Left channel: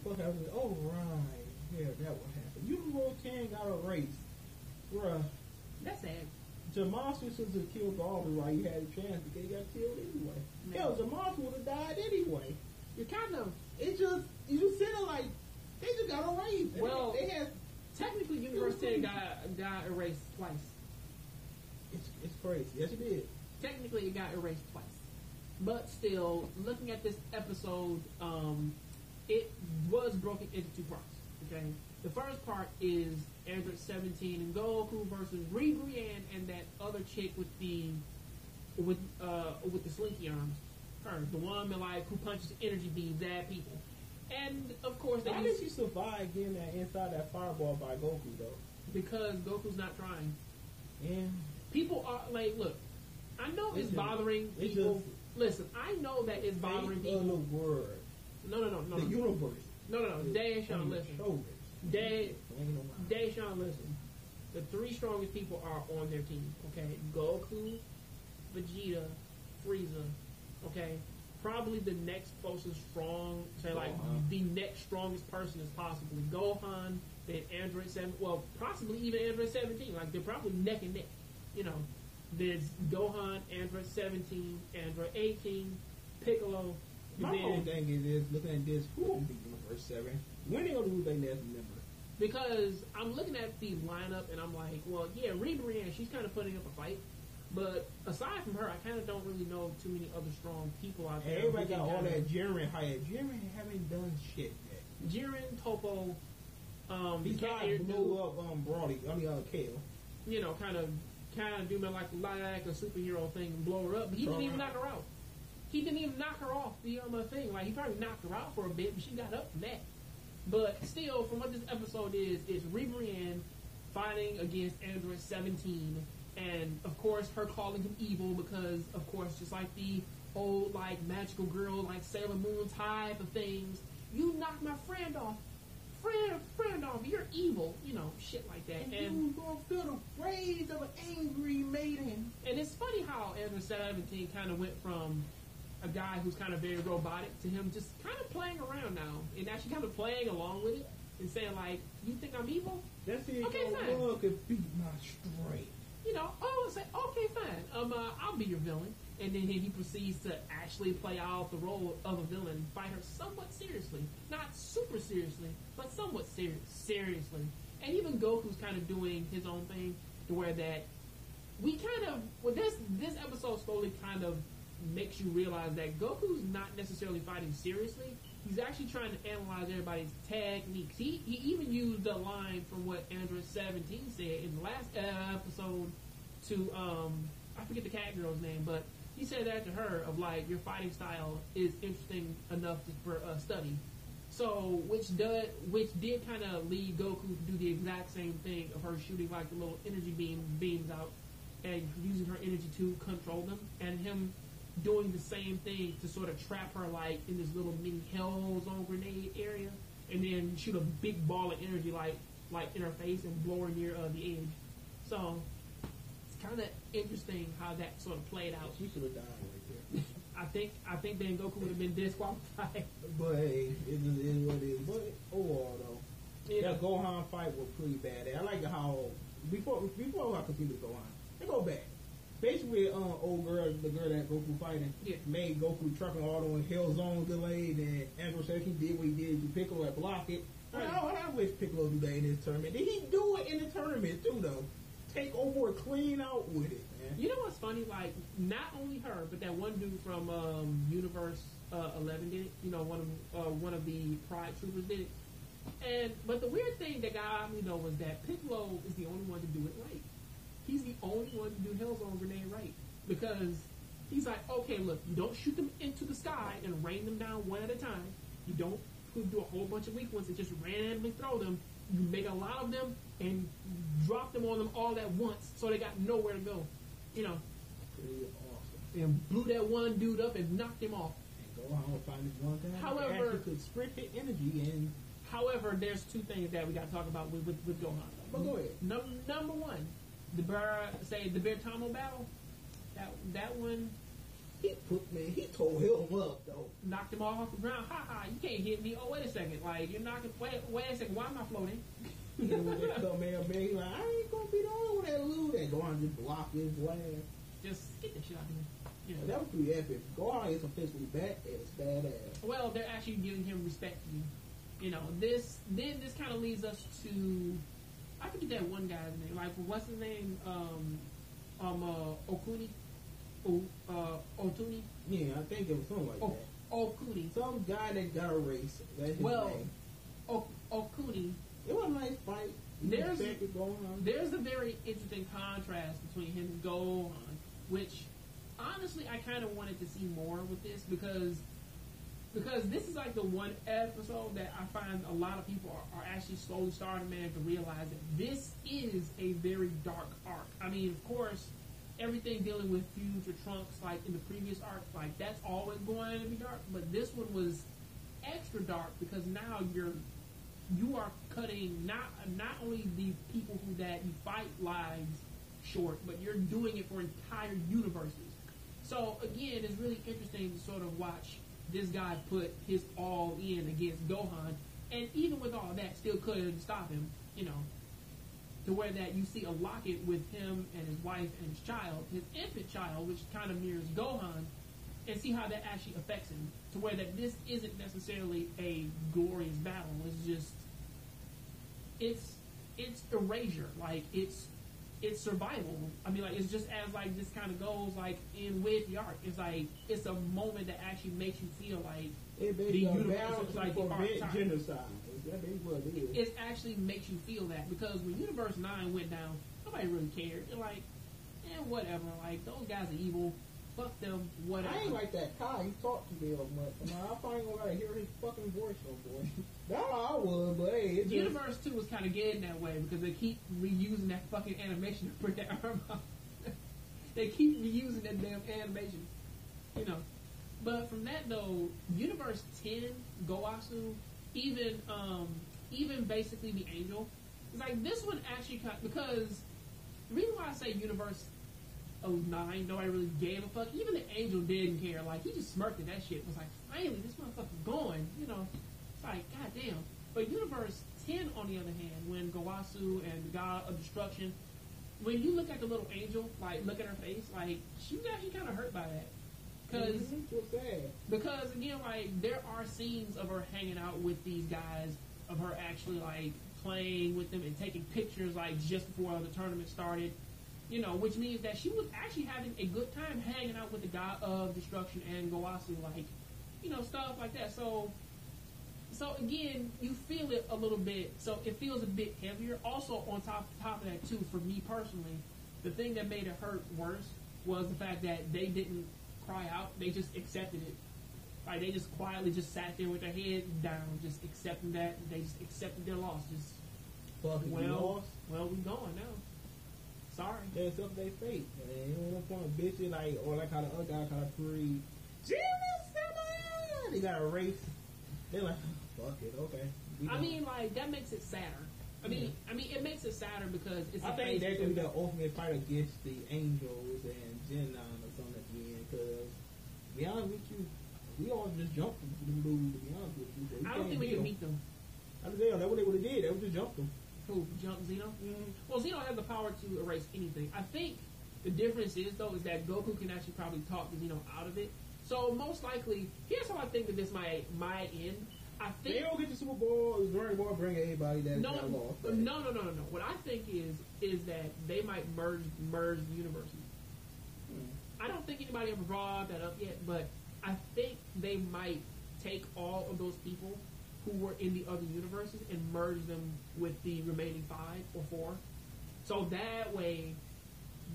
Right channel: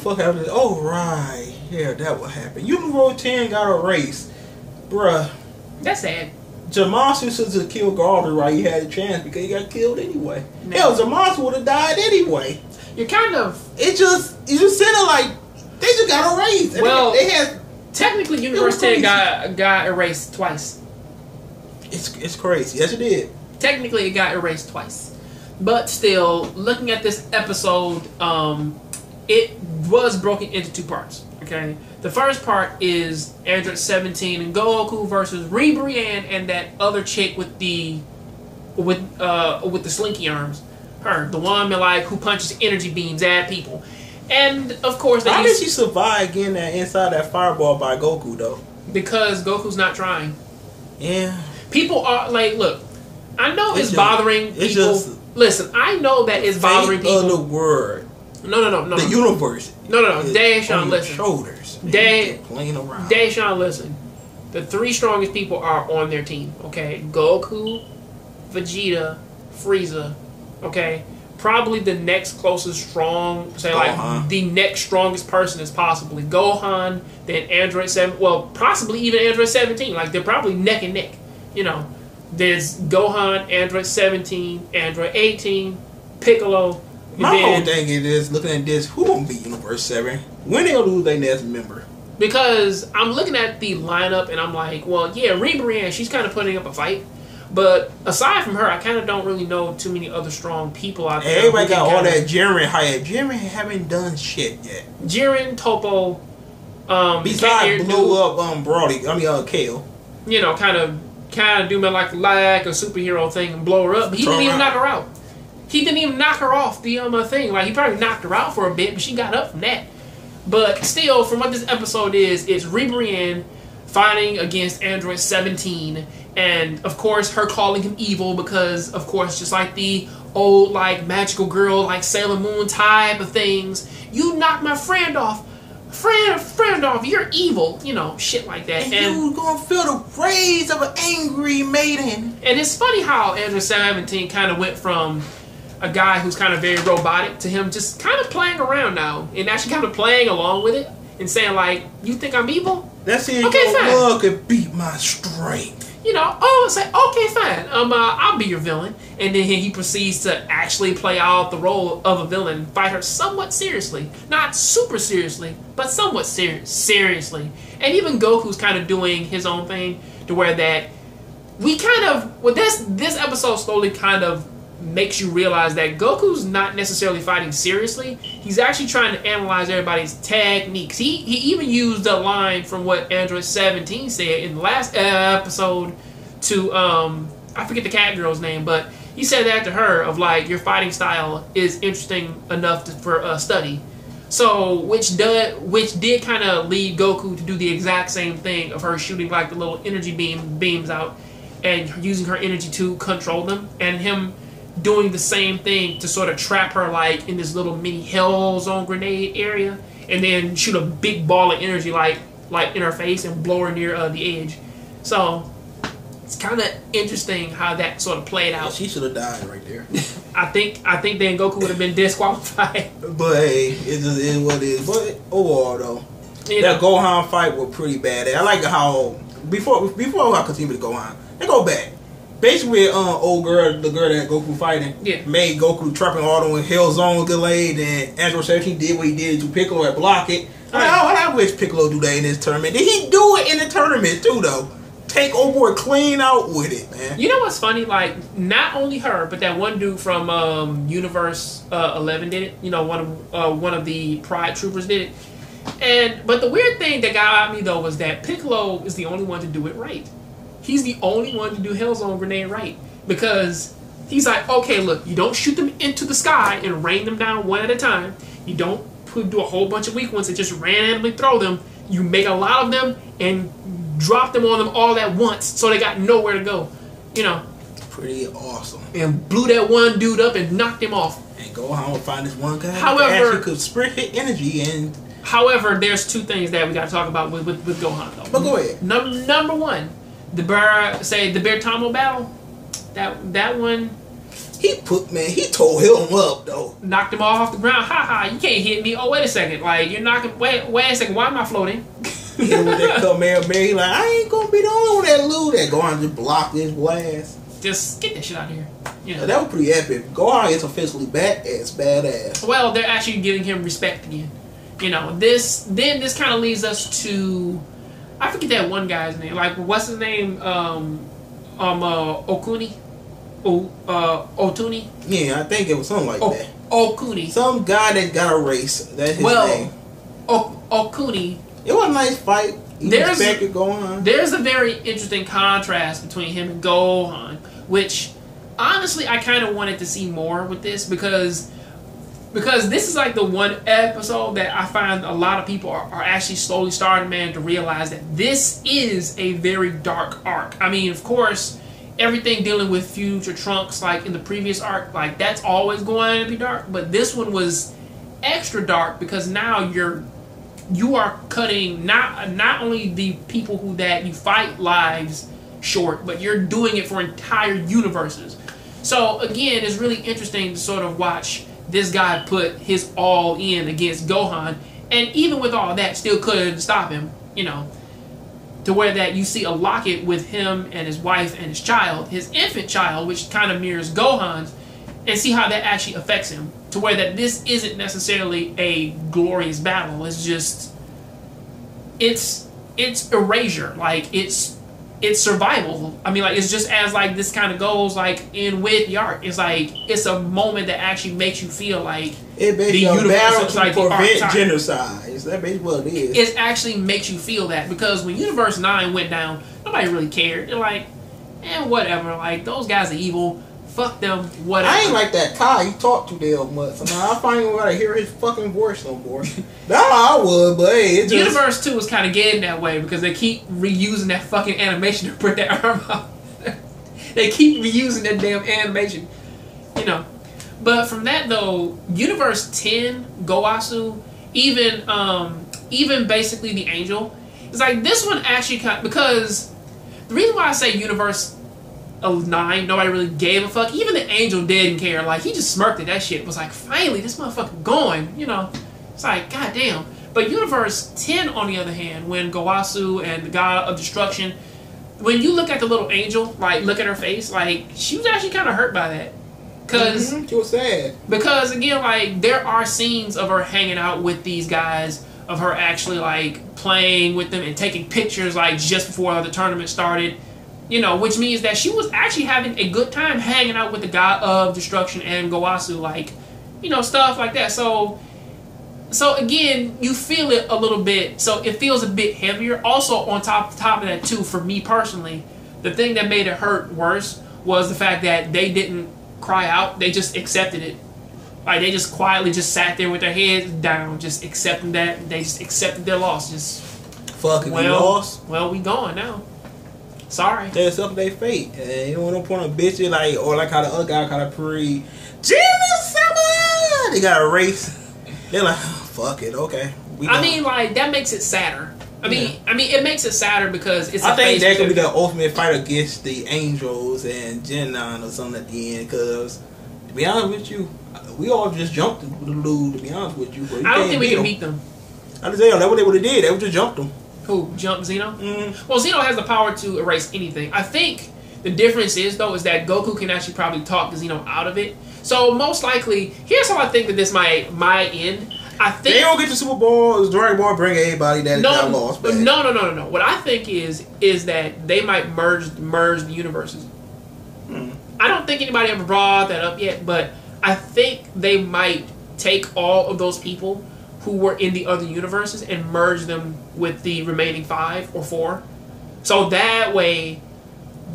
fuck happened? Oh, right. Yeah, that what happened. Universe 10 got erased. Bruh. That's sad. Zamasu should have killed Galder while he had a chance because he got killed anyway. No. Hell, Zamasu would have died anyway. You're kind of... You just said it like, they just got erased. Well, they had... Technically, Universe 10 got erased twice. It's crazy. Yes, it did. Technically, it got erased twice. But still, looking at this episode, it was broken into two parts. Okay, the first part is Android 17 and Goku versus Ribrianne and that other chick with the slinky arms. Her, the one like who punches energy beams at people. And of course, how did she survive getting that inside that fireball by Goku though? Because Goku's not trying. Yeah. People are like, look, I know it's bothering people. Listen, I know that it's bothering people. The word. No. The universe. No. Deshaun, listen. Shoulders. Deshaun, listen. The three strongest people are on their team. Okay, Goku, Vegeta, Frieza. Okay, probably the next closest strong, say like the next strongest person is possibly Gohan. Then Android 7. Well, possibly even Android 17. Like they're probably neck and neck. You know, there's Gohan, Android 17, Android 18, Piccolo. My whole thing is looking at this. Who gonna be Universe 7? When they'll lose their next member? Because I'm looking at the lineup and I'm like, well, yeah, Ribrianne, she's kind of putting up a fight. But aside from her, I kind of don't really know too many other strong people out there. Everybody got all that Jiren hype. Jiren haven't done shit yet. Jiren, Topo, besides blew up Brody. Kale. You know, kind of do me like a superhero thing and blow her up. But he didn't even knock her out. He didn't even knock her off the thing. Like he probably knocked her out for a bit, but she got up from that. But still, from what this episode is, it's Ribrianne fighting against Android 17. And, of course, her calling him evil because, of course, just like the old, like, magical girl, like Sailor Moon type of things. You knocked my friend off. Friend off. You're evil. You know, shit like that. And you gonna feel the rage of an angry maiden. And it's funny how Android 17 kind of went from a guy who's kind of very robotic to him just kind of playing around now. And actually kind of playing along with it. And saying, like, you think I'm evil? That's it. Okay, fine. Love could beat my strength. You know, say, okay, fine. I'll be your villain. And then he proceeds to actually play out the role of a villain, fight her somewhat seriously. Not super seriously, but somewhat seriously. And even Goku's kind of doing his own thing to where that we kind of, well, this episode slowly kind of makes you realize that Goku's not necessarily fighting seriously. He's actually trying to analyze everybody's techniques. He even used a line from what Android 17 said in the last episode to I forget the cat girl's name, but he said that to her of like, your fighting style is interesting enough for study. So which did kind of lead Goku to do the exact same thing of her shooting like the little energy beams out and using her energy to control them, and him doing the same thing to sort of trap her like in this little mini hell zone grenade area, and then shoot a big ball of energy like in her face and blow her near the edge. So it's kind of interesting how that sort of played out. Yeah, she should have died right there. I think then Goku would have been disqualified. But hey, it just is what it is. But overall though, that Gohan fight was pretty bad. I like how before I continue to Gohan, they go back. Basically, old girl, the girl that Goku fighting, made Goku trapping auto in Hell Zone delayed, and Android 17 did what he did to Piccolo and block it. I wish Piccolo do that in this tournament. Did he do it in the tournament too, though? Take over clean out with it, man. You know what's funny? Like, not only her, but that one dude from Universe 11 did it. You know, one of the Pride Troopers did it. But the weird thing that got me though was that Piccolo is the only one to do it right. He's the only one to do Hellzone Grenade right. Because he's like, okay, look, you don't shoot them into the sky and rain them down one at a time. You don't do a whole bunch of weak ones and just randomly throw them. You make a lot of them and drop them on them all at once so they got nowhere to go. You know. Pretty awesome. And blew that one dude up and knocked him off. And go on and find this one guy however, that actually could spread his energy and... However, there's two things that we got to talk about with Gohan, though. But go ahead. Number one, the Bear Tamo battle. That one, He tore him up though. Knocked him off the ground. Ha ha! You can't hit me. Oh wait a second. Like you're knocking. Wait a second. Why am I floating? Hit with that Kamehameha. He like, I ain't gonna be the only one that lose. That Gohan just blocked his blast. Just get that shit out of here. You know. That was pretty epic. Gohan is officially badass. Well, they're actually giving him respect again. You know, this kind of leads us to, I forget that one guy's name. Like, what's his name? Okuni? Otuni? Yeah, I think it was something like that. Okuni. Some guy that got erased. That's his name. Okuni. It was a nice fight. There's a very interesting contrast between him and Gohan, which honestly I kind of wanted to see more with this because this is like the one episode that I find a lot of people are actually slowly starting, man, to realize that this is a very dark arc. I mean, of course, everything dealing with future Trunks, like in the previous arc, like that's always going to be dark, but this one was extra dark because now you are cutting not only the people that you fight lives short, but you're doing it for entire universes. So again, it's really interesting to sort of watch this guy put his all in against Gohan, and even with all that, still couldn't stop him. You know, to where that you see a locket with him and his wife and his child, his infant child, which kind of mirrors Gohan's, and see how that actually affects him. To where that this isn't necessarily a glorious battle. It's just, it's erasure. Like it's survival. I mean, like it's just as like this kind of goes like in with the arc. It's like it's a moment that actually makes you feel like the universe is like prevent genocide. Is that basically what it is? It actually makes you feel that because when Universe 9 went down, nobody really cared. They're like, whatever. Like those guys are evil. Fuck them, whatever. I ain't like that Kai. He talked too damn much. So now I finally gotta hear his fucking voice no more. That's how I would, but hey, it just... Universe 2 was kind of getting that way because they keep reusing that fucking animation to put that arm out. They keep reusing that damn animation. You know. But from that though, Universe 10, Gowasu, even basically the Angel, it's like this one actually because the reason why I say Universe 9, nobody really gave a fuck. Even the Angel didn't care. Like, he just smirked at that shit. It was like, finally, this motherfucker going. You know, it's like, goddamn. But Universe 10, on the other hand, when Gowasu and the God of Destruction, when you look at the little Angel, like, look at her face, like, she was actually kind of hurt by that. Because she was sad. Because, again, like, there are scenes of her hanging out with these guys, of her actually, like, playing with them and taking pictures, like, just before the tournament started. You know, which means that she was actually having a good time hanging out with the God of Destruction and Gowasu, like, you know, stuff like that. So again, you feel it a little bit. So it feels a bit heavier. Also, on top of that, too, for me personally, the thing that made it hurt worse was the fact that they didn't cry out. They just accepted it. Like, they just quietly just sat there with their heads down, just accepting that. They just accepted their loss. Just, fucking we lost. Well, we gone now. Sorry. They accept their fate. And you don't want to point on bitches like, or like how the other guy kind of Jimmy Summer! They got a race. They're like, oh, fuck it, okay. I mean, like, that makes it sadder. I mean, it makes it sadder because it's. I think that could be the ultimate fight against the Angels and Genon or something at the end. Because to be honest with you, we all just jumped the dude. To be honest with you, but I don't think we can beat them. I just say that's what they would have did. They would just jumped them. Who jumped Xeno? Well, Xeno has the power to erase anything. I think the difference is though is that Goku can actually probably talk Xeno out of it. So most likely, here's how I think that this might end. I think they don't get the Super Bowl. Dragon Ball bring everybody that got lost. Back. No. What I think is that they might merge the universes. I don't think anybody ever brought that up yet, but I think they might take all of those people who were in the other universes and merge them with the remaining 5 or 4. So that way,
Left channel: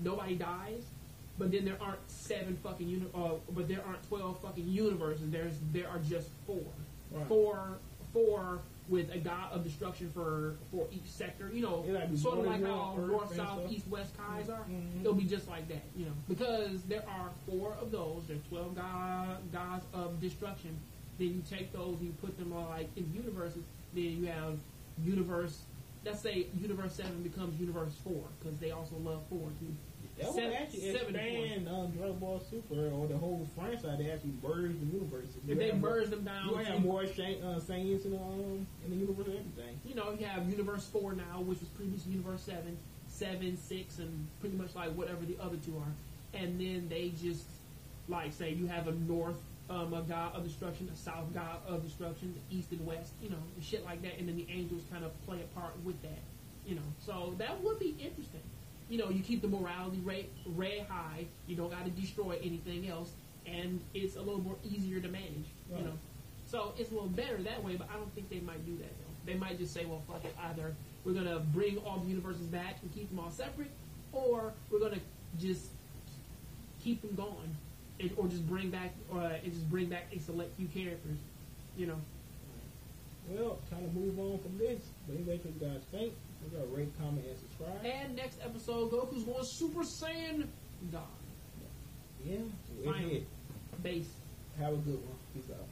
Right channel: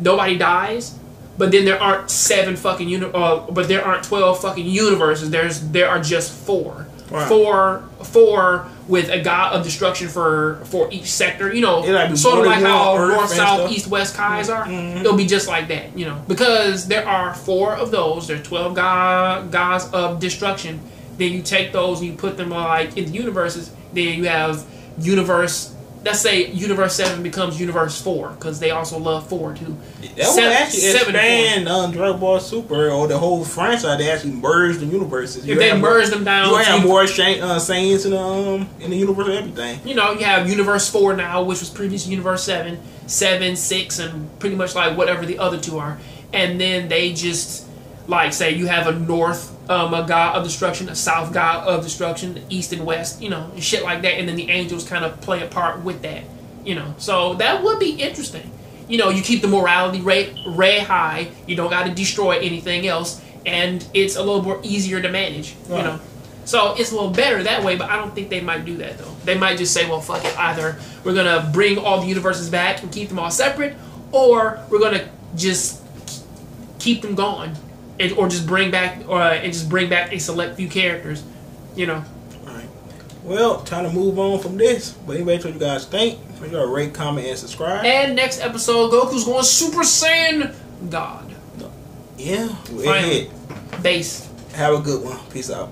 nobody dies, but then there aren't 7 fucking but there aren't 12 fucking universes. There are just 4. Right. Four with a God of Destruction for each sector. You know, sort of like how North, South, East, West Kais are. It'll be just like that, you know, because there are 4 of those. There's 12 gods of destruction. Then you take those and you put them like in the universes. Then you have universe let's say Universe 7 becomes Universe 4, because they also love 4 too. That would actually expand Dragon Ball Super or the whole franchise. They actually merge the universes. If they merge them down, you have more Saiyans in the universe and everything. You know, you have Universe 4 now, which was previously Universe 7, 7, 6, and pretty much like whatever the other two are. And then they just, like, say you have a North a god of destruction, a South god of destruction, the East and West, you know, and shit like that. And then the angels kind of play a part with that, you know. So that would be interesting. You know, you keep the morality rate high. You don't got to destroy anything else, and it's a little more easier to manage. Right. You know, so it's a little better that way. But I don't think they might do that though. They might just say, well, fuck it. Either we're gonna bring all the universes back and keep them all separate, or we're gonna just keep them gone, or just bring back, a select few characters. You know. All right. Well, time to move on from this. But anyway, what you guys think? Make sure to rate, comment, and subscribe. And next episode, Goku's going Super Saiyan God. Yeah, we're ahead. Base. Have a good one. Peace out.